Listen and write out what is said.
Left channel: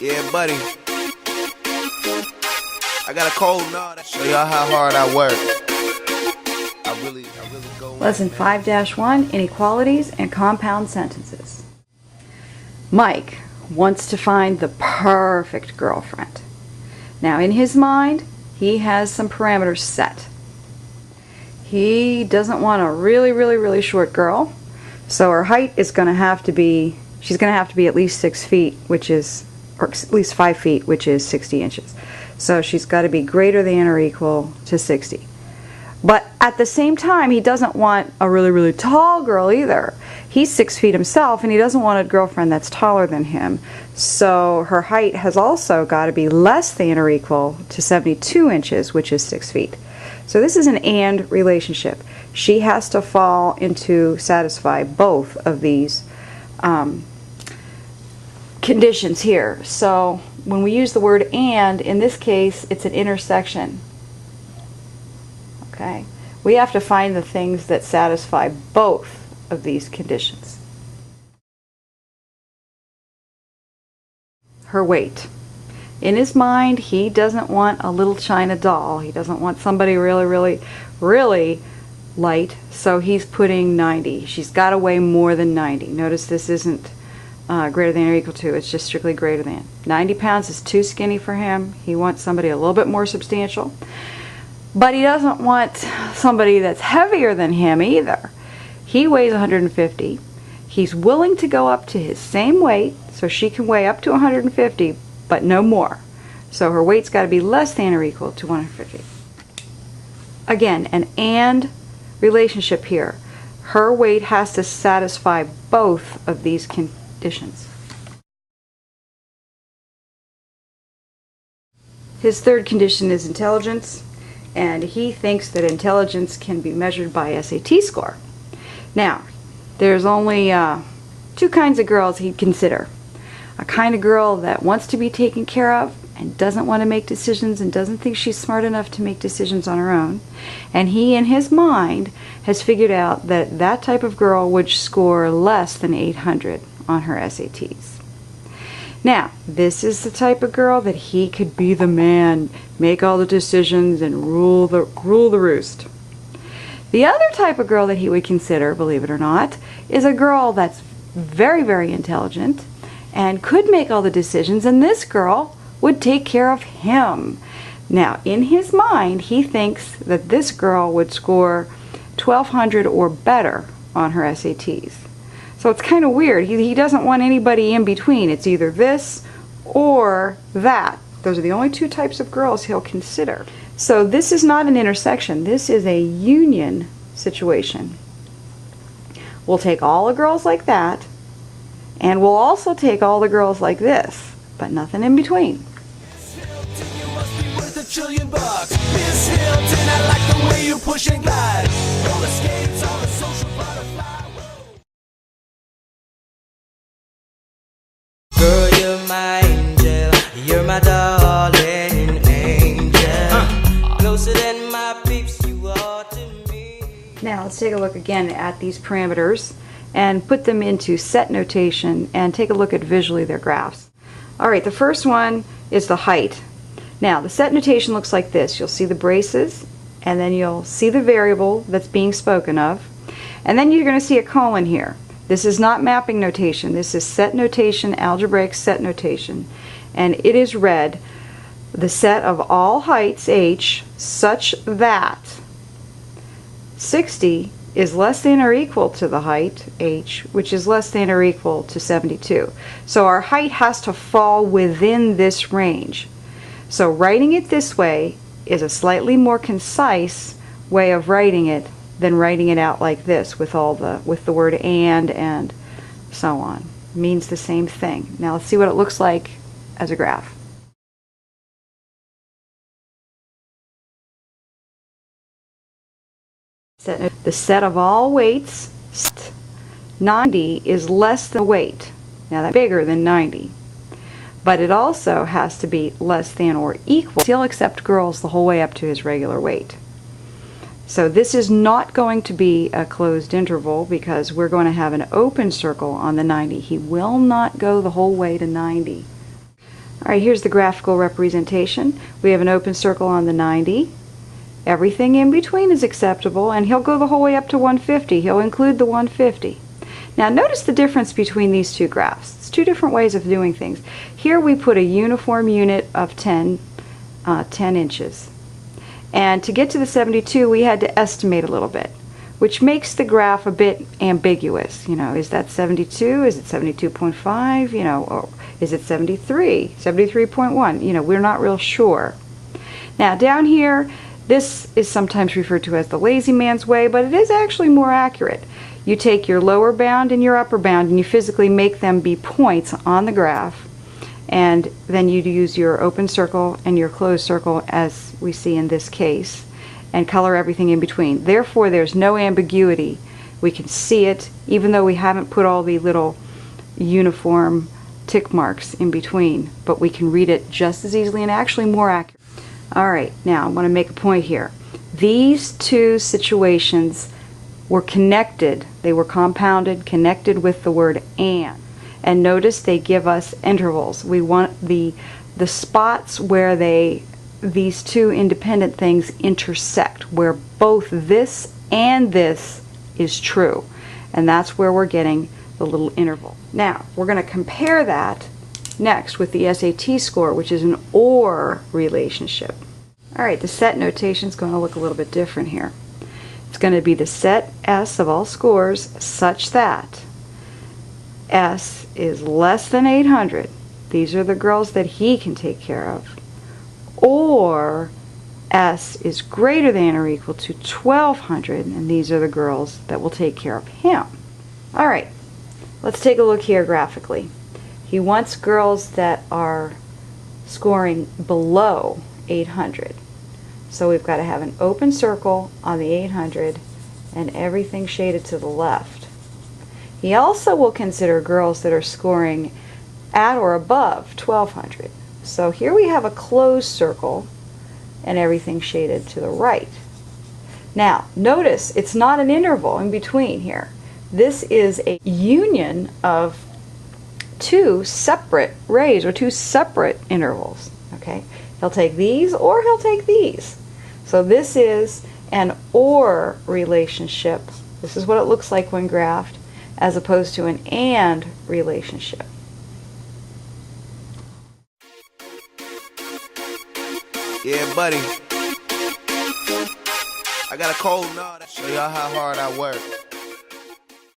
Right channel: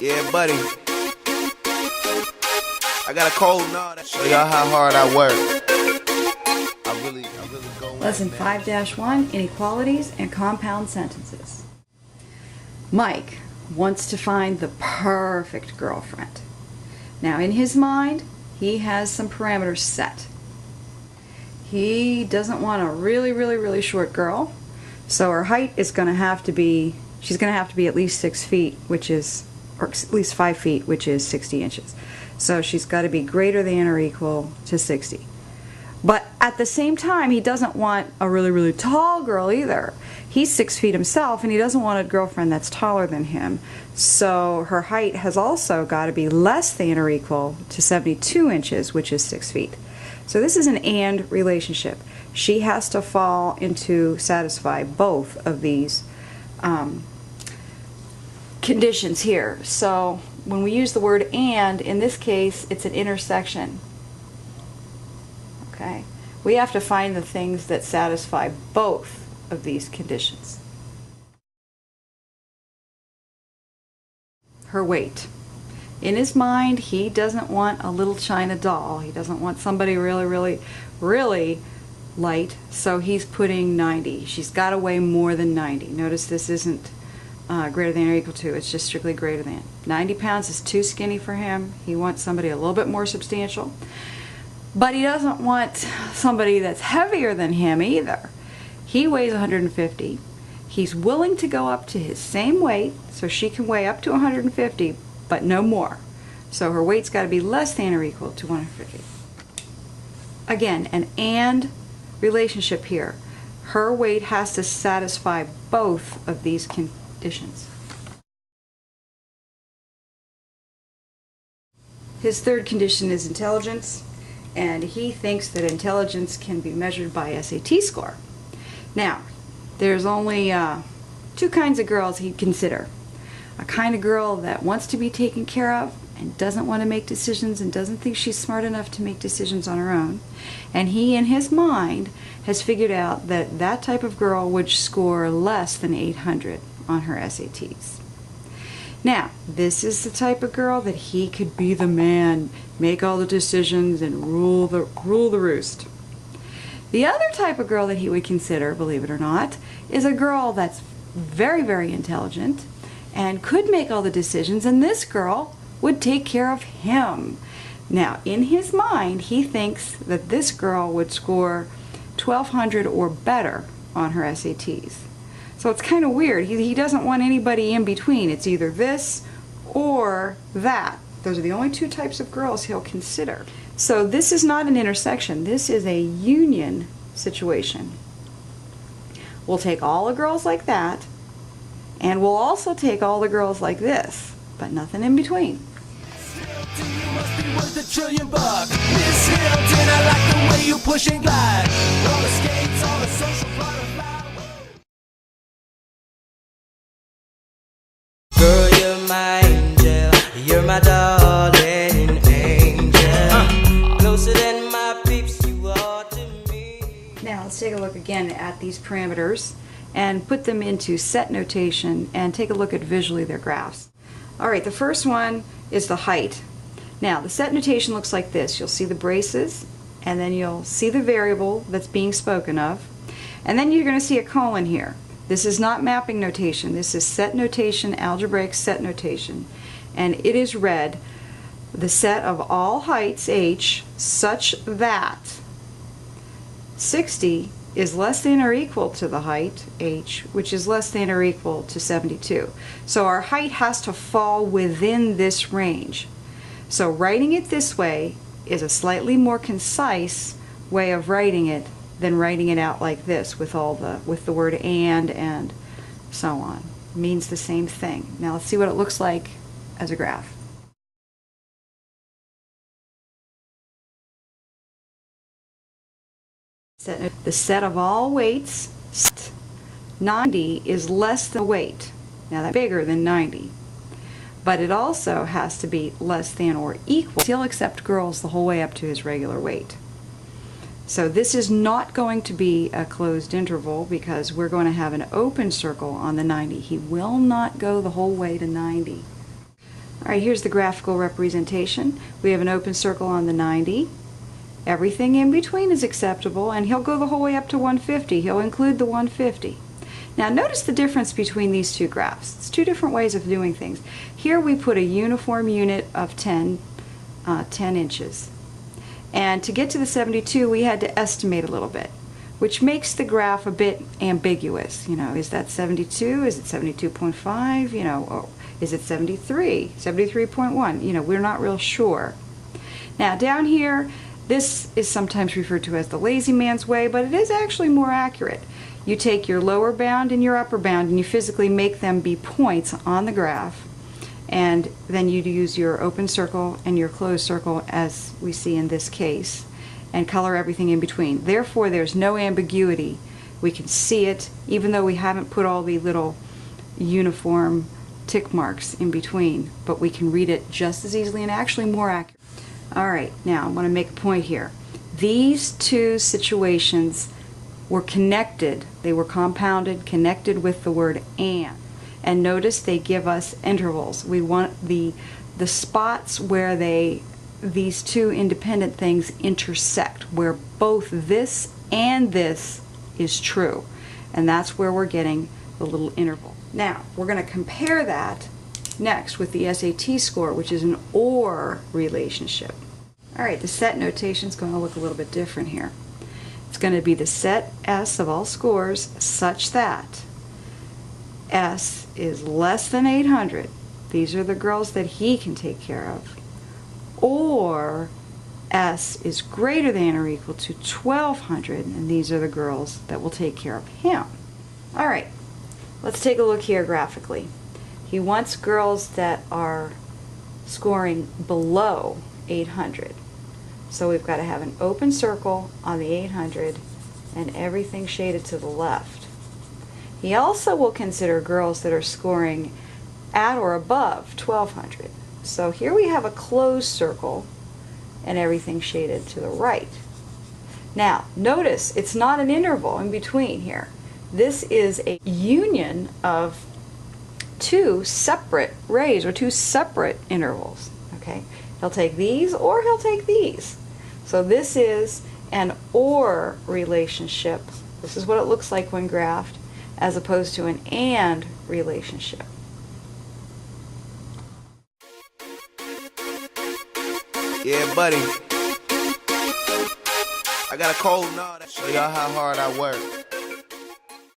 Yeah, buddy. I got a cold nod. Show y'all how hard I work. I really go. Lesson 5-1, Inequalities and Compound Sentences. Mike wants to find the perfect girlfriend. Now, in his mind, he has some parameters set. He doesn't want a really short girl, so her height is going to have to be, she's going to have to be at least 6 feet, which is, or at least 5 feet, which is 60 inches. So she's got to be greater than or equal to 60. But at the same time, he doesn't want a really tall girl either. He's 6 feet himself, and he doesn't want a girlfriend that's taller than him. So her height has also got to be less than or equal to 72 inches, which is 6 feet. So this is an and relationship. She has to fall into satisfy both of these conditions here. So when we use the word and, in this case, it's an intersection. Okay, we have to find the things that satisfy both of these conditions. Her weight. In his mind, he doesn't want a little china doll. He doesn't want somebody really light, so he's putting 90. She's got to weigh more than 90. Notice this isn't greater than or equal to, it's just strictly greater than. 90 pounds is too skinny for him. He wants somebody a little bit more substantial. But he doesn't want somebody that's heavier than him either. He weighs 150. He's willing to go up to his same weight, so she can weigh up to 150, but no more. So her weight's got to be less than or equal to 150. Again, an and relationship here. Her weight has to satisfy both of these conditions. His third condition is intelligence. And he thinks that intelligence can be measured by SAT score. Now, there's only 2 kinds of girls he'd consider. A kind of girl that wants to be taken care of and doesn't want to make decisions and doesn't think she's smart enough to make decisions on her own. And he, in his mind, has figured out that that type of girl would score less than 800 on her SATs. Now, this is the type of girl that he could be the man, make all the decisions, and rule the roost. The other type of girl that he would consider, believe it or not, is a girl that's very intelligent and could make all the decisions, and this girl would take care of him. Now, in his mind, he thinks that this girl would score 1200 or better on her SATs. So it's kind of weird. He doesn't want anybody in between. It's either this or that. Those are the only 2 types of girls he'll consider. So this is not an intersection. This is a union situation. We'll take all the girls like that, and we'll also take all the girls like this, but nothing in between. Miss Hilton, you must be worth $1 trillion. Miss Hilton, I like the way you push and glide. Roller skates on a social butterfly. Girl, you're my angel, you're my darling angel. Closer than my peeps, you are to me. Now let's take a look again at these parameters and put them into set notation and take a look at visually their graphs. Alright, the first one is the height. Now the set notation looks like this. You'll see the braces, and then you'll see the variable that's being spoken of, and then you're going to see a colon here. This is not mapping notation. This is set notation, algebraic set notation. And it is read, the set of all heights h such that 60 is less than or equal to the height h, which is less than or equal to 72. So our height has to fall within this range. So writing it this way is a slightly more concise way of writing it than writing it out like this with the word and so on. It means the same thing. Now let's see what it looks like as a graph. The set of all weights, 90 is less than weight. Now that's bigger than 90. But it also has to be less than or equal. He'll accept girls the whole way up to his regular weight. So this is not going to be a closed interval because we're going to have an open circle on the 90. He will not go the whole way to 90. All right, here's the graphical representation. We have an open circle on the 90. Everything in between is acceptable, and he'll go the whole way up to 150. He'll include the 150. Now notice the difference between these two graphs. It's two different ways of doing things. Here we put a uniform unit of 10 inches. And to get to the 72, we had to estimate a little bit, which makes the graph a bit ambiguous. You know, is that 72? Is it 72.5? You know, or is it 73? 73.1? You know, we're not real sure. Now down here, this is sometimes referred to as the lazy man's way, but it is actually more accurate. You take your lower bound and your upper bound and you physically make them be points on the graph, and then you use your open circle and your closed circle as we see in this case, and color everything in between. Therefore, there's no ambiguity. We can see it even though we haven't put all the little uniform tick marks in between, but we can read it just as easily and actually more accurate. Alright, now I want to make a point here. These two situations were connected, they were compounded, connected with the word and. And notice they give us intervals. We want the spots where these two independent things intersect, where both this and this is true. And that's where we're getting the little interval. Now, we're going to compare that next with the SAT score, which is an OR relationship. Alright, the set notation is going to look a little bit different here. It's going to be the set S of all scores such that S is less than 800. These are the girls that he can take care of. Or S is greater than or equal to 1200, and these are the girls that will take care of him. Alright, let's take a look here graphically. He wants girls that are scoring below 800. So we've got to have an open circle on the 800 and everything shaded to the left. He also will consider girls that are scoring at or above 1200. So here we have a closed circle and everything shaded to the right. Now notice it's not an interval in between here. This is a union of two separate rays or two separate intervals. Okay, he'll take these or he'll take these. So this is an OR relationship. This is what it looks like when graphed, as opposed to an AND relationship. Yeah, buddy. I got a cold nod. Show y'all how hard I work.